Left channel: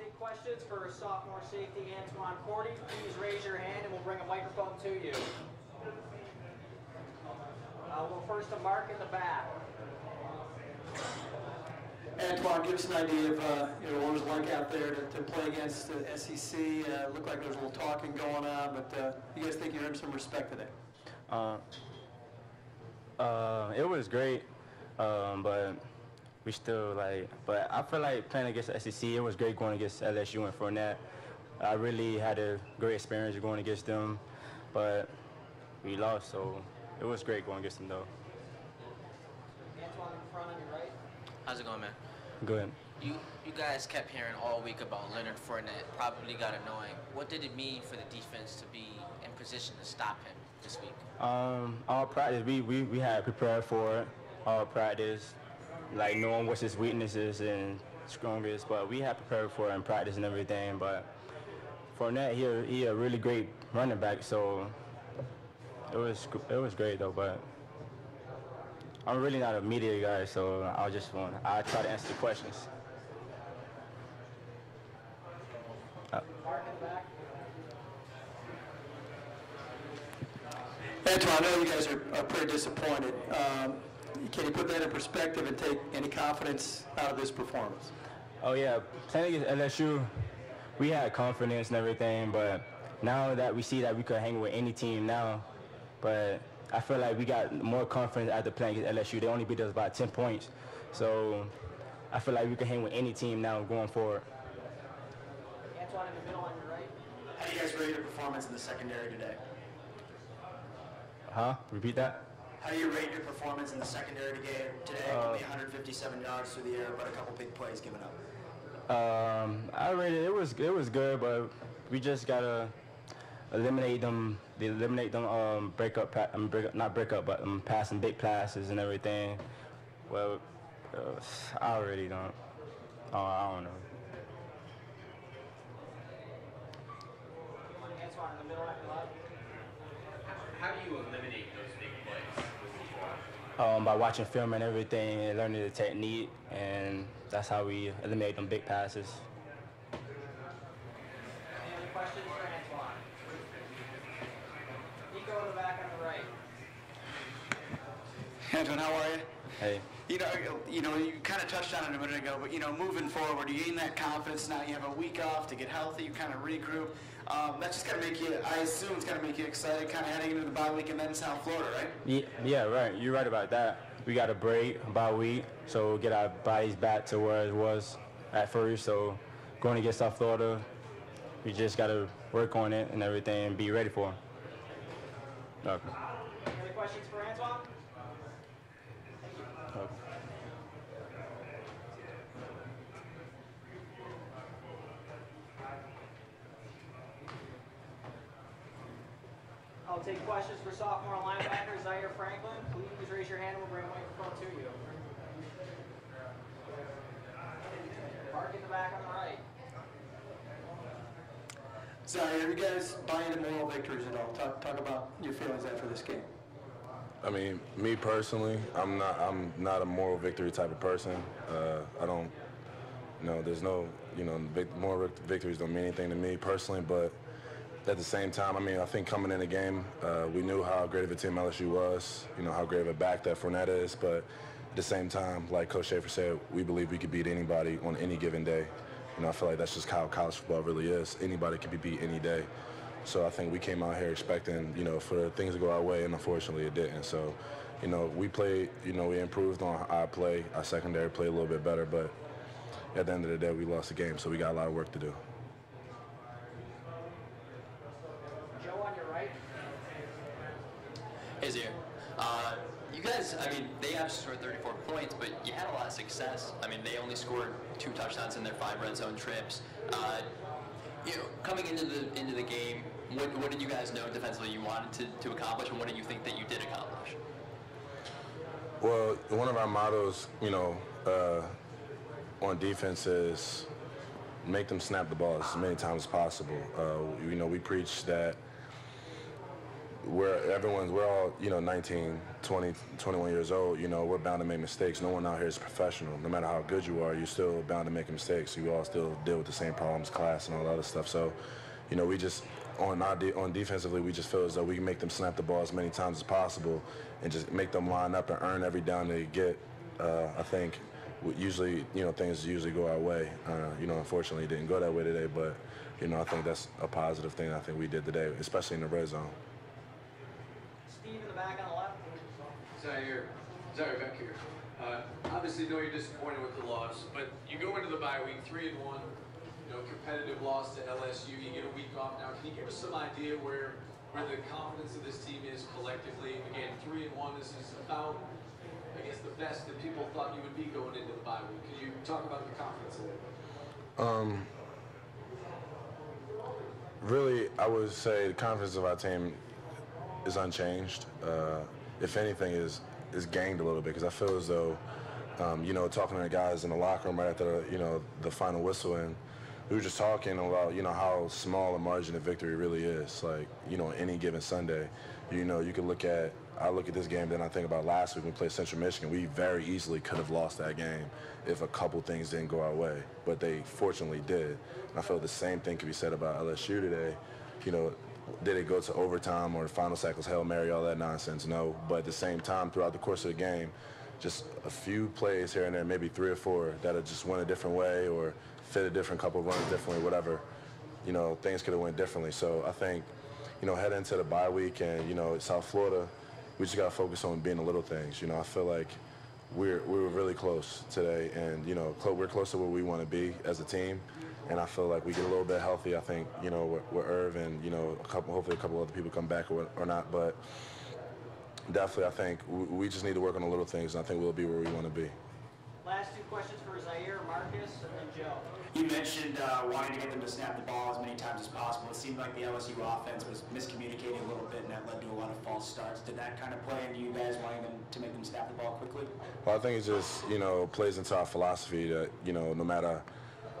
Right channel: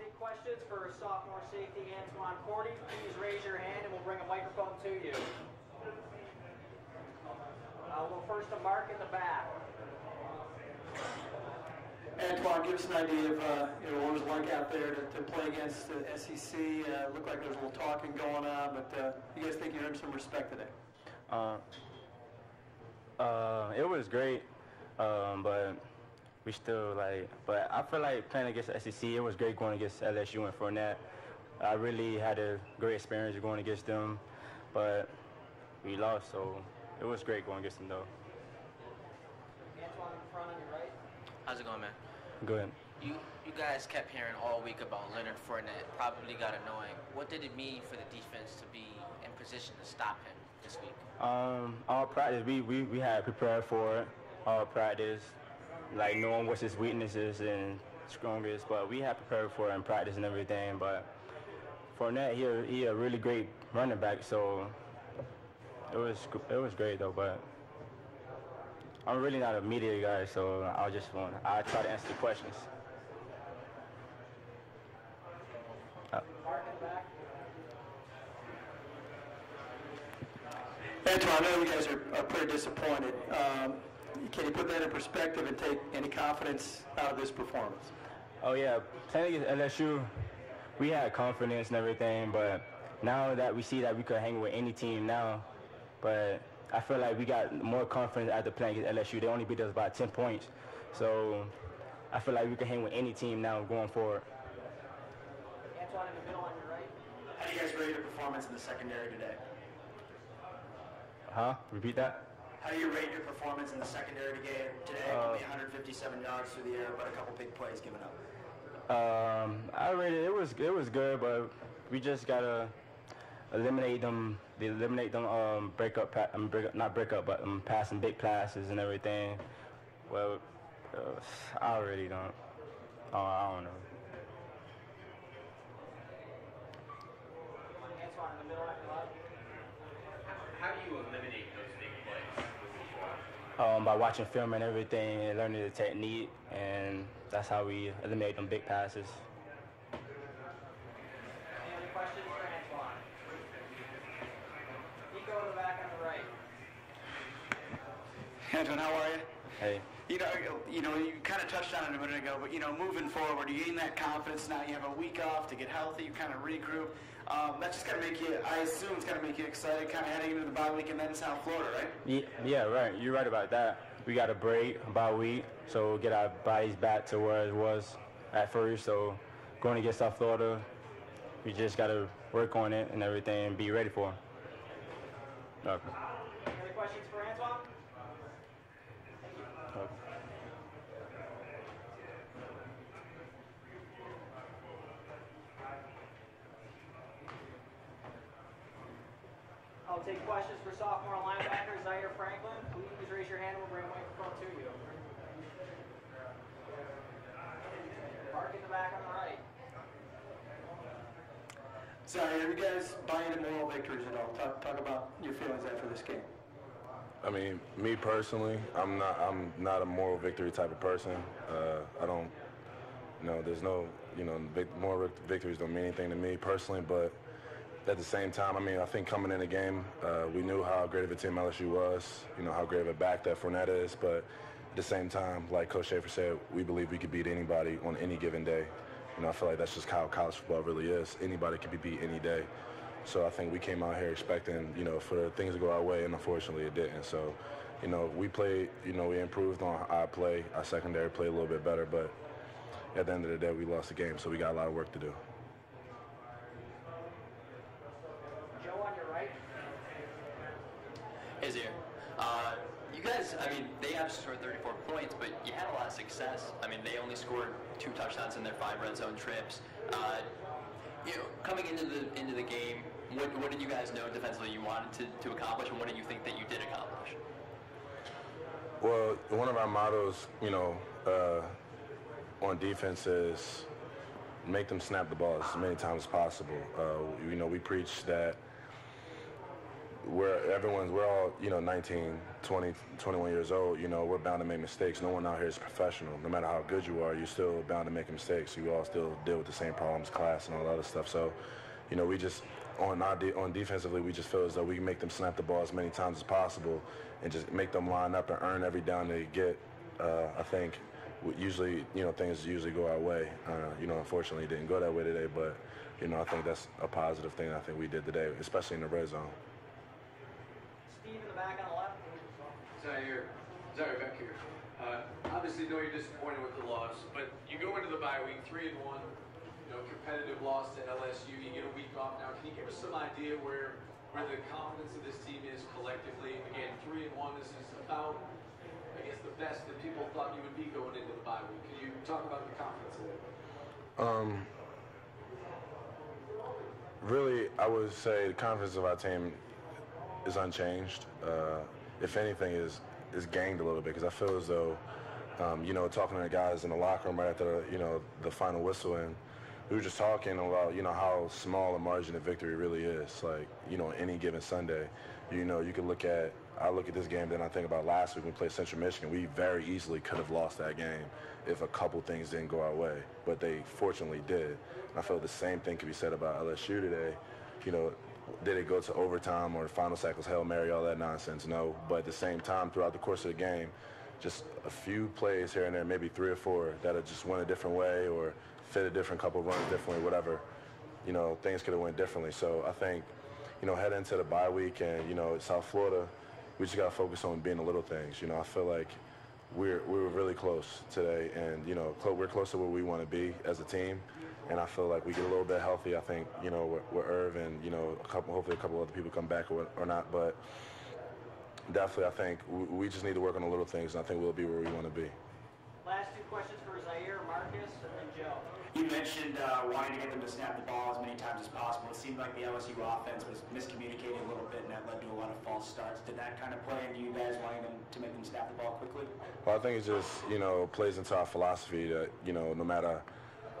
take questions for sophomore safety Antoine Cordy. Please raise your hand and we'll bring a microphone to you. We'll first to Mark in the back. Antoine, give us an idea of what it was like out there to play against the SEC. Looked like there was a little talking going on, but you guys think you earned some respect today? It was great, but we still but I feel like playing against the SEC, it was great going against LSU and Fournette. I really had a great experience going against them, but we lost, so it was great going against them though. Antoine in front on your right. How's it going, man? Good. You guys kept hearing all week about Leonard Fournette. Probably got annoying. What did it mean for the defense to be in position to stop him this week? All practice, we had prepared for it. All practice, like knowing what's his weaknesses and strongest, but we had prepared for it in practice and everything. But Fournette, he a really great running back, so it was great though. But I'm really not a media guy, so I try to answer the questions. Antoine, I know you guys are pretty disappointed. Can you put that in perspective and take any confidence out of this performance? Oh yeah, playing against LSU, we had confidence and everything, but now that we see that we could hang with any team now, but I feel like we got more confidence after playing against LSU. They only beat us by 10 points, so I feel like we can hang with any team now going forward. Antoine in the middle on your right. How do you guys rate your performance in the secondary today? Repeat that? How do you rate your performance in the secondary today? It could be 157 yards through the air, but a couple big plays given up. I rated it was good, but we just gotta eliminate them passing big passes and everything. Well, I really don't. I don't know. Antoine in the middle on your left. How do you eliminate those big plays? By watching film and everything and learning the technique, and that's how we eliminate them big passes. Any other questions for Antoine? Nico in the back on the right. Antoine, how are you? Hey. You kind of touched on it a minute ago, but moving forward, you gain that confidence now. You have a week off to get healthy. You kind of regroup. That's just gonna make you. I assume it's gonna make you excited, kind of heading into the bye week and then South Florida, right? Yeah, right. You're right about that. We got a break, bye week, so get our bodies back to where it was at first. So going to get South Florida, we just gotta work on it and everything and be ready for it. Okay. Any other questions for Antoine? Okay. I'll take questions for sophomore linebacker Zaire Franklin. Please raise your hand and we'll bring a microphone to you. Mark in the back on the right. Zaire, you guys buy into moral victories at all? Talk about your feelings after this game. I mean, me personally, I'm not a moral victory type of person. I don't, there's no, moral victories don't mean anything to me personally, but at the same time, I think coming in the game, we knew how great of a team LSU was, how great of a back that Fournette is, but at the same time, like Coach Schaefer said, we believe we could beat anybody on any given day. I feel like that's just how college football really is. Anybody can be beat any day. So I think we came out here expecting, for things to go our way, and unfortunately it didn't. So, we played, we improved on our play. Our secondary played a little bit better, but at the end of the day, we lost the game, so we got a lot of work to do. Joe on your right. Hey, Zaire. You guys, they have scored 34 points, but you had a lot of success. They only scored 2 touchdowns in their 5 red zone trips. Coming into the game, what did you guys know defensively you wanted to accomplish, and what do you think that you did accomplish? Well, one of our mottos, on defense is make them snap the ball as many times as possible. We preach that we're all, 19, 20, 21 years old. We're bound to make mistakes. No one out here is professional. No matter how good you are, you're still bound to make mistakes. You all still deal with the same problems, class, and all that other stuff. So, we just on defensively, we just feel as though we can make them snap the ball as many times as possible, and just make them line up and earn every down they get. I think usually, things usually go our way. Unfortunately, it didn't go that way today, but I think that's a positive thing I think we did today, especially in the red zone. Steve in the back on the left. Zaire back here. Obviously, know you're disappointed with the loss, but you go into the bye week 3-1. Competitive loss to LSU. You get a week off now. Can you give us some idea where the confidence of this team is collectively? Again, 3-1. This is about, I guess, the best that people thought you would be going into the bye week. Can you talk about the confidence of it? Really, I would say the confidence of our team is unchanged. If anything, is gained a little bit, because I feel as though, talking to the guys in the locker room right after the final whistle, and we were just talking about how small a margin of victory really is. Like any given Sunday, you can I look at this game, then I think about last week we played Central Michigan. We very easily could have lost that game if a couple things didn't go our way, but they fortunately did. And I feel the same thing could be said about LSU today. Did it go to overtime or the final sack was Hail Mary, all that nonsense? No. But at the same time, throughout the course of the game, just a few plays here and there, maybe 3 or 4, that have just went a different way or fit a different couple runs differently, whatever. Things could have went differently. So I think, heading into the bye week and, South Florida, we just got to focus on being the little things. I feel like we were really close today, and, we're close to where we want to be as a team. And I feel like we get a little bit healthy. I think, with Irv and, hopefully a couple other people come back or not. But definitely, I think we just need to work on the little things, and I think we'll be where we want to be. Last 2 questions for Zaire, Marcus, and then Joe. You mentioned wanting to get them to snap the ball as many times as possible. It seemed like the LSU offense was miscommunicating a little bit, and that led to a lot of false starts. Did that kind of play into you guys wanting them to make them snap the ball quickly? Well, I think it just, plays into our philosophy that, no matter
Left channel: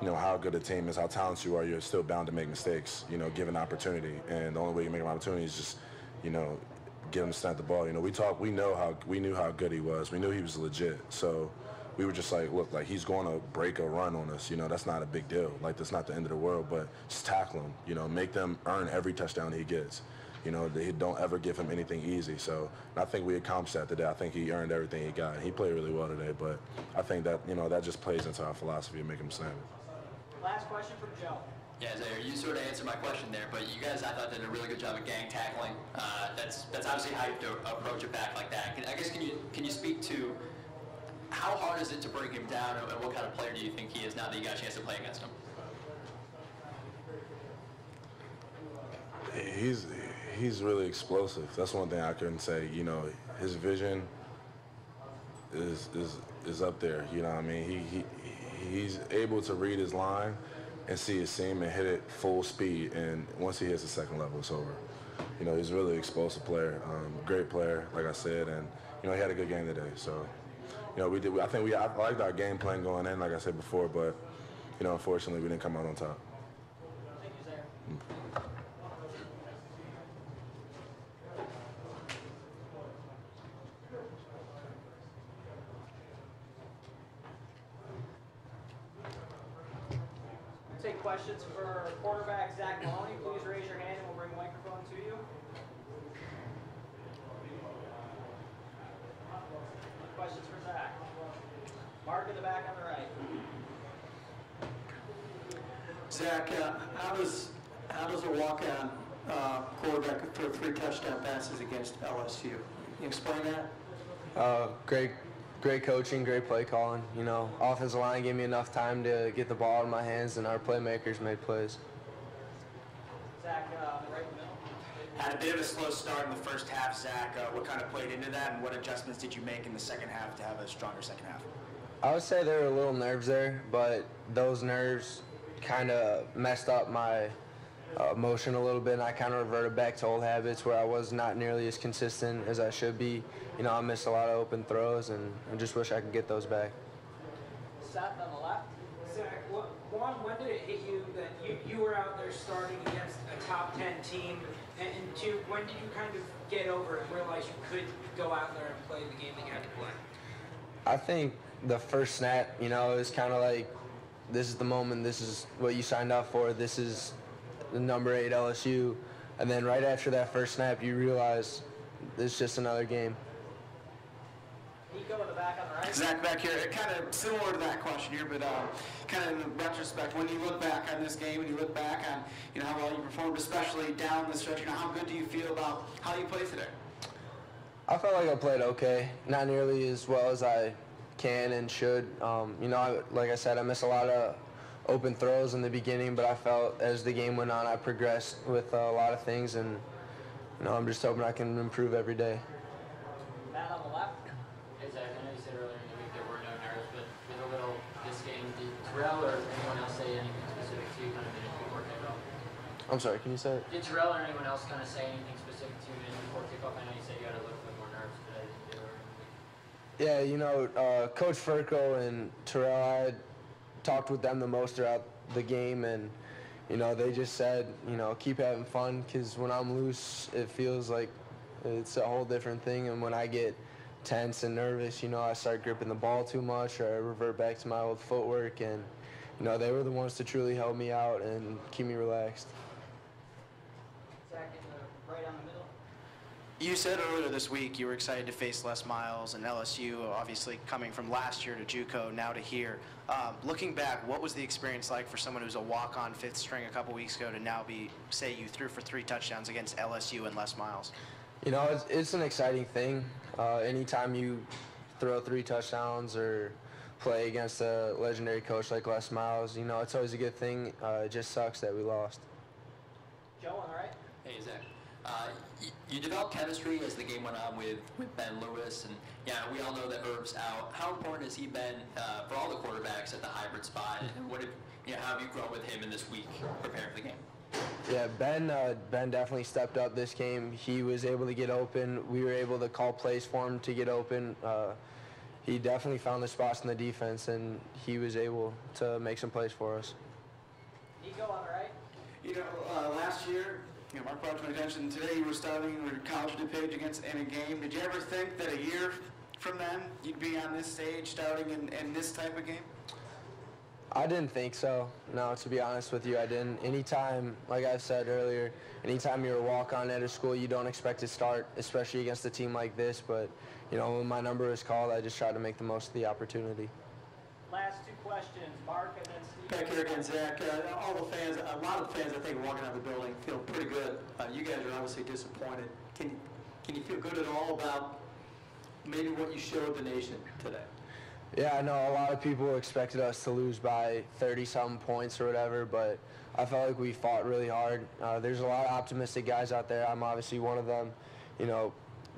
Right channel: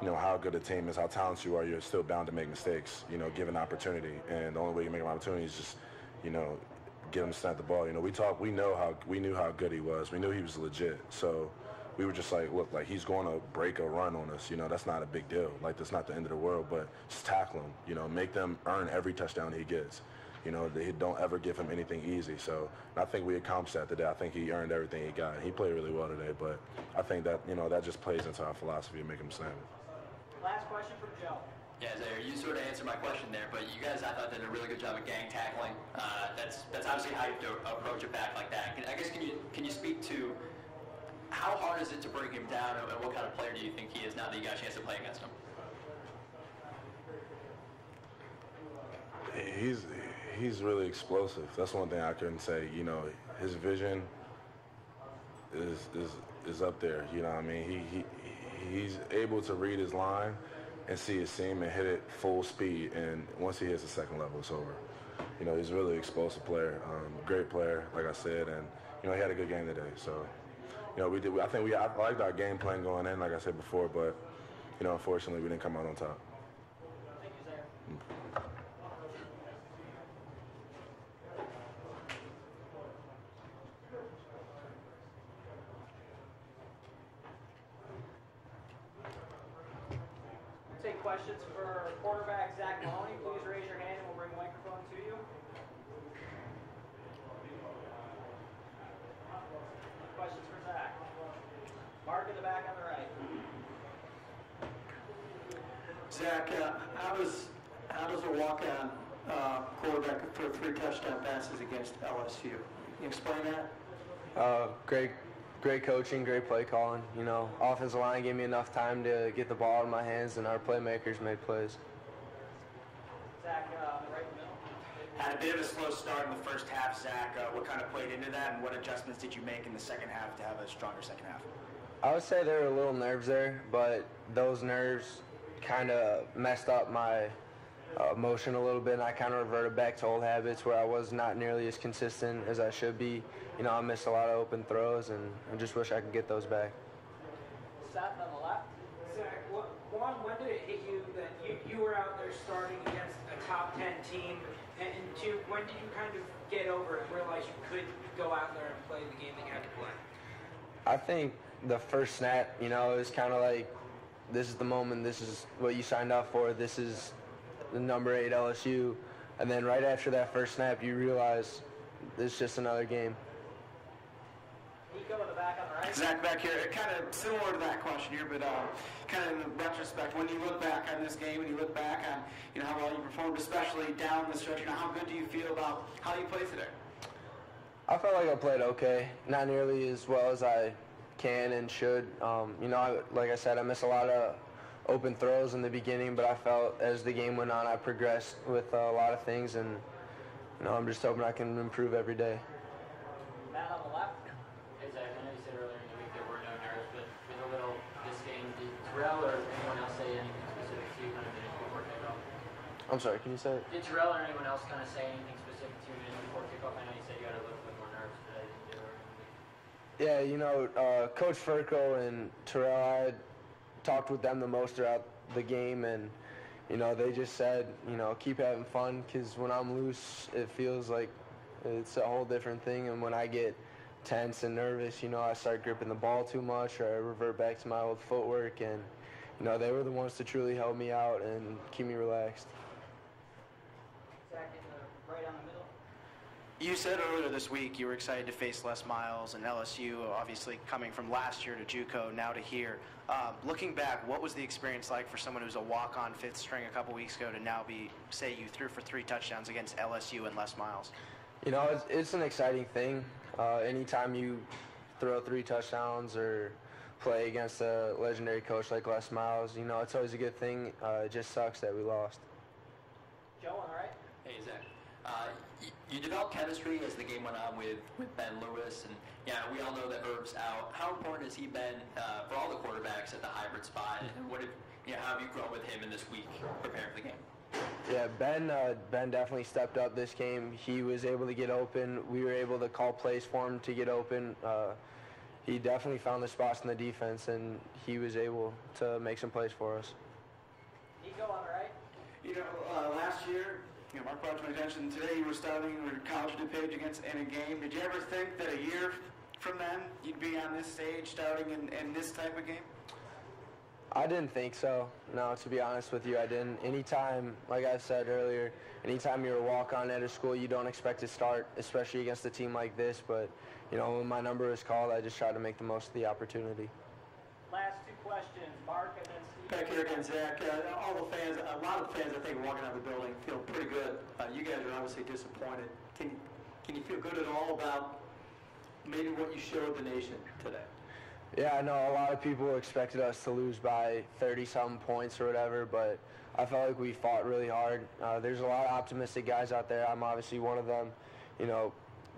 how good a team is, how talented you are, you're still bound to make mistakes, given opportunity. And the only way you make an opportunity is just, get him to snap the ball. We knew how good he was. We knew he was legit. So we were just like, look, like he's going to break a run on us. That's not a big deal. Like, that's not the end of the world, but just tackle him, make them earn every touchdown he gets. They don't ever give him anything easy. So I think we accomplished that today. I think he earned everything he got. He played really well today, but I think that, that just plays into our philosophy of making him snap it. Last question from Joe. Yeah, Zaire, you sort of answered my question there, but you guys, I thought, did a really good job of gang tackling. That's obviously how you have to approach it back like that. I guess can you speak to how hard is it to bring him down, and what kind of player do you think he is now that you got a chance to play against him? He's really explosive. That's one thing I couldn't say. His vision is up there. I mean, he's able to read his line and see his seam and hit it full speed. And once he hits the second level, it's over. He's a really explosive player, great player, like I said, and he had a good game today. So, I liked our game plan going in, like I said before, but unfortunately, we didn't come out on top. Thank you, Zaire. Take questions for quarterback Zach Mahoney. Please raise your hand and we'll bring a microphone to you. Questions for Zach. Mark in the back on the right. Zach, how does a walk-on quarterback throw 3 touchdown passes against LSU? Can you explain that? Great coaching, great play calling. Offensive line gave me enough time to get the ball out of my hands, and our playmakers made plays. Zach, right in the middle. Had a bit of a slow start in the first half, Zach. What kind of played into that, and what adjustments did you make in the second half to have a stronger second half? I would say there were little nerves there, but those nerves kind of messed up my motion a little bit, and I kind of reverted back to old habits where I was not nearly as consistent as I should be. I missed a lot of open throws, and I just wish I could get those back. Seth on the left. Zach, when did it hit you that you were out there starting against a top 10 team And two, when did you kind of get over it and realize you could go out there and play the game that you had to play? I think the first snap, it was kind of like, this is the moment, this is what you signed up for, this is the number 8 LSU. And then right after that first snap, you realize it's just another game. Nico in the back on the right. Zach back here, kind of similar to that question here, but kind of in retrospect, when you look back on this game and you look back on how well you performed, especially down the stretch, how good do you feel about how you played today? I felt like I played okay, not nearly as well as I can and should. Like I said, I missed a lot of open throws in the beginning, but I felt as the game went on, I progressed with a lot of things, and I'm just hoping I can improve every day. Matt on the left. Hey Zach, I know you said earlier in the week there were no nerves, but with a little this game, did Terrell or anyone else say anything specific to you kind of in a good workout? I'm sorry, can you say it? Did Terrell or anyone else kind of say anything specific to you before kickoff? I know you said you had a little bit more nerves today than you did earlier in the week. Yeah, Coach Furco and Terrell, I had talked with them the most throughout the game, and they just said, keep having fun, because when I'm loose, it feels like it's a whole different thing, and when I get tense and nervous, I start gripping the ball too much, or I revert back to my old footwork, and they were the ones to truly help me out and keep me relaxed. Zach in the right on the middle. You said earlier this week you were excited to face Les Miles and LSU, obviously coming from last year to JUCO, now to here. Looking back, what was the experience like for someone who's a walk-on fifth string a couple weeks ago to now say you threw for 3 touchdowns against LSU and Les Miles? It's an exciting thing. Anytime you throw 3 touchdowns or play against a legendary coach like Les Miles, it's always a good thing. It just sucks that we lost. Joe on the right. Hey, Zach. You developed chemistry as the game went on with Ben Lewis, and we all know that Irv's out. How important has he been for all the quarterbacks at the hybrid spot? And what how have you grown with him in this week preparing for the game? Yeah, Ben definitely stepped up this game. He was able to get open. We were able to call plays for him to get open. He definitely found the spots in the defense, and he was able to make some plays for us. Nico on the right. Last year, Mark brought to my attention today you were starting your college DuPage against in a game. Did you ever think that a year from then you'd be on this stage starting in this type of game? I didn't think so. No, to be honest with you, I didn't. Anytime, like I said earlier, anytime you're a walk-on at a school, you don't expect to start, especially against a team like this. But, when my number was called, I just tried to make the most of the opportunity. Last 2 questions. Mark and then Steve. Back here again, Zach. All the fans, a lot of the fans, I think, walking out of the building feel pretty good. You guys are obviously disappointed. Can you feel good at all about maybe what you showed the nation today? Yeah, I know a lot of people expected us to lose by 30-something points or whatever, but I felt like we fought really hard. There's a lot of optimistic guys out there. I'm obviously one of them.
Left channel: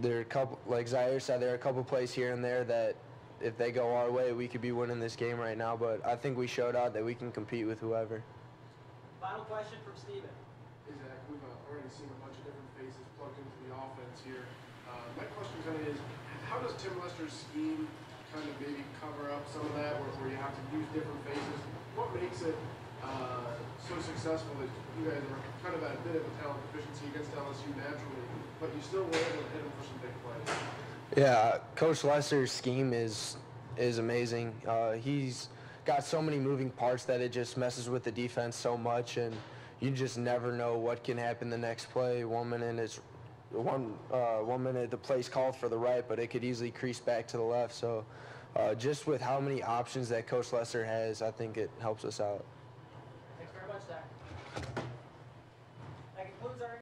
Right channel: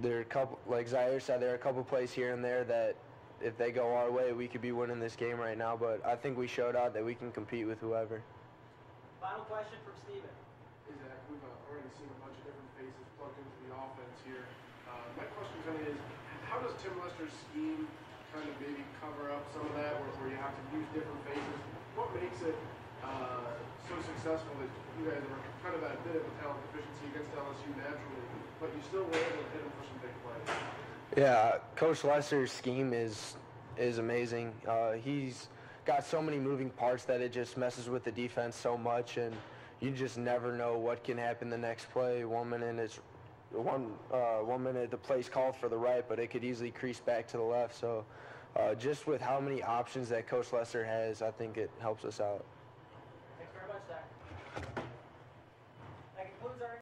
There are a couple, like Zaire said, there are a couple plays here and there that if they go our way, we could be winning this game right now, but I think we showed out that we can compete with whoever. Final question from Steven. Hey Zach, we've already seen a bunch of different faces plugged into the offense here. My question kind of is, how does Tim Lester's scheme kind of maybe cover up some of that, where you have to use different faces? What makes it so successful that you guys are kind of at a bit of a talent deficiency against LSU naturally, but you still were able to hit them for some big plays? Yeah, Coach Lester's scheme is amazing. He's got so many moving parts that it just messes with the defense so much, and you just never know what can happen the next play. 1 minute it's 1 minute the play's called for the right, but it could easily crease back to the left. So just with how many options that Coach Lester has, I think it helps us out.